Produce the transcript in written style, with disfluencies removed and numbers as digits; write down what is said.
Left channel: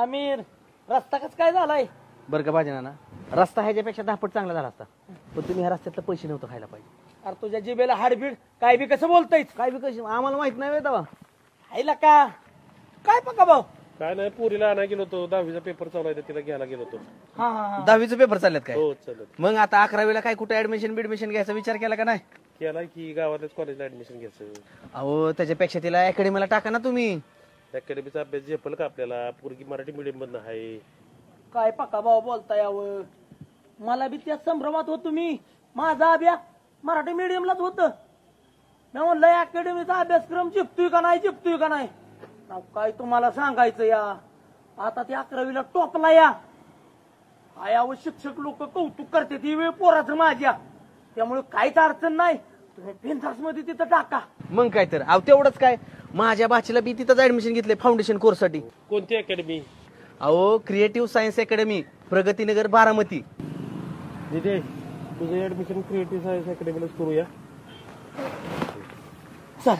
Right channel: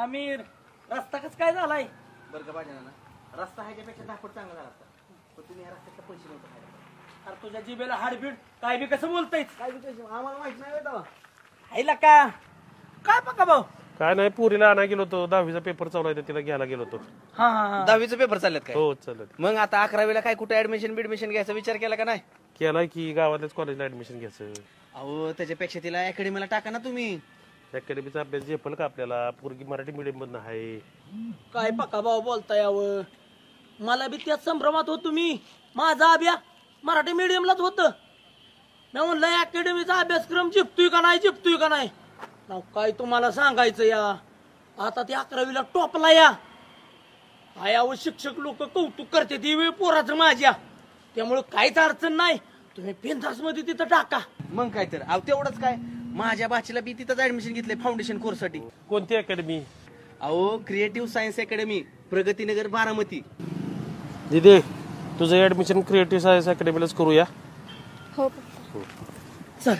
आमिर रस्ता कस काय झालाय? बरं का भाजी ना रस्ता ह्याच्यापेक्षा 10 पट चांगला झाला असता, पण तुम्ही ह्या रस्त्यातले पैसे नव्हतं खायला पाहिजे. अरे तुझ्या जिबेला हाडबीड काय बी कसं बोलताय? काय बी कशी आम्हाला माहित नाही वेळ तेव्हा. आईला का काय पक्का भाऊ? काय नाही, पुरीला आणा गेलो होतो, 10वीचा पेपर चालू आहे तिला घ्यायला गेलो होतो. हा हा 10वीचे पेपर चाललेत काय? हो चालत. मग आता 11वीला काय कुठे ऍडमिशन घ्यायचा विचार केला का नाही? केला की गावातल्याच कॉलेजला ऍडमिशन घ्यायचं. अहो त्याच्यापेक्षा तिला अकॅडमीला टाका ना तुम्ही. अकॅडमीचा अभ्यास झेपल का आपल्याला? पोरगी मराठी मीडियम मधन आहे. काय पक्का भाऊ बोलता यावं? मला बी त्याच संभ्रमात होतो मी. माझा अभ्यास मराठी मीडियमलाच होत. मी म्हणलं अकॅडमीचा अभ्यासक्रम जिंकतोय का नाही. नाव काय तुम्हाला सांगायचं या. आता ते 11वीला टॉपला या. आयावर शिक्षक लोक कौतुक करते ती वेळ पोराचं माझ्या. त्यामुळे काहीच अडचण नाही. तुम्ही बिनधास्त मध्ये तिथं टाका. मग काय तर अहो तेवढंच काय, माझ्या बाचीला बी तिथंच ऍडमिशन घेतलंय फाउंडेशन कोर्स साठी. कोणती अकॅडमी? अहो creative science academy, Pragatinagar, Baramati. दिदे तुझं ऍडमिशन क्रिएटिव्ह सायन्स अकॅडमीलाच करूया. चल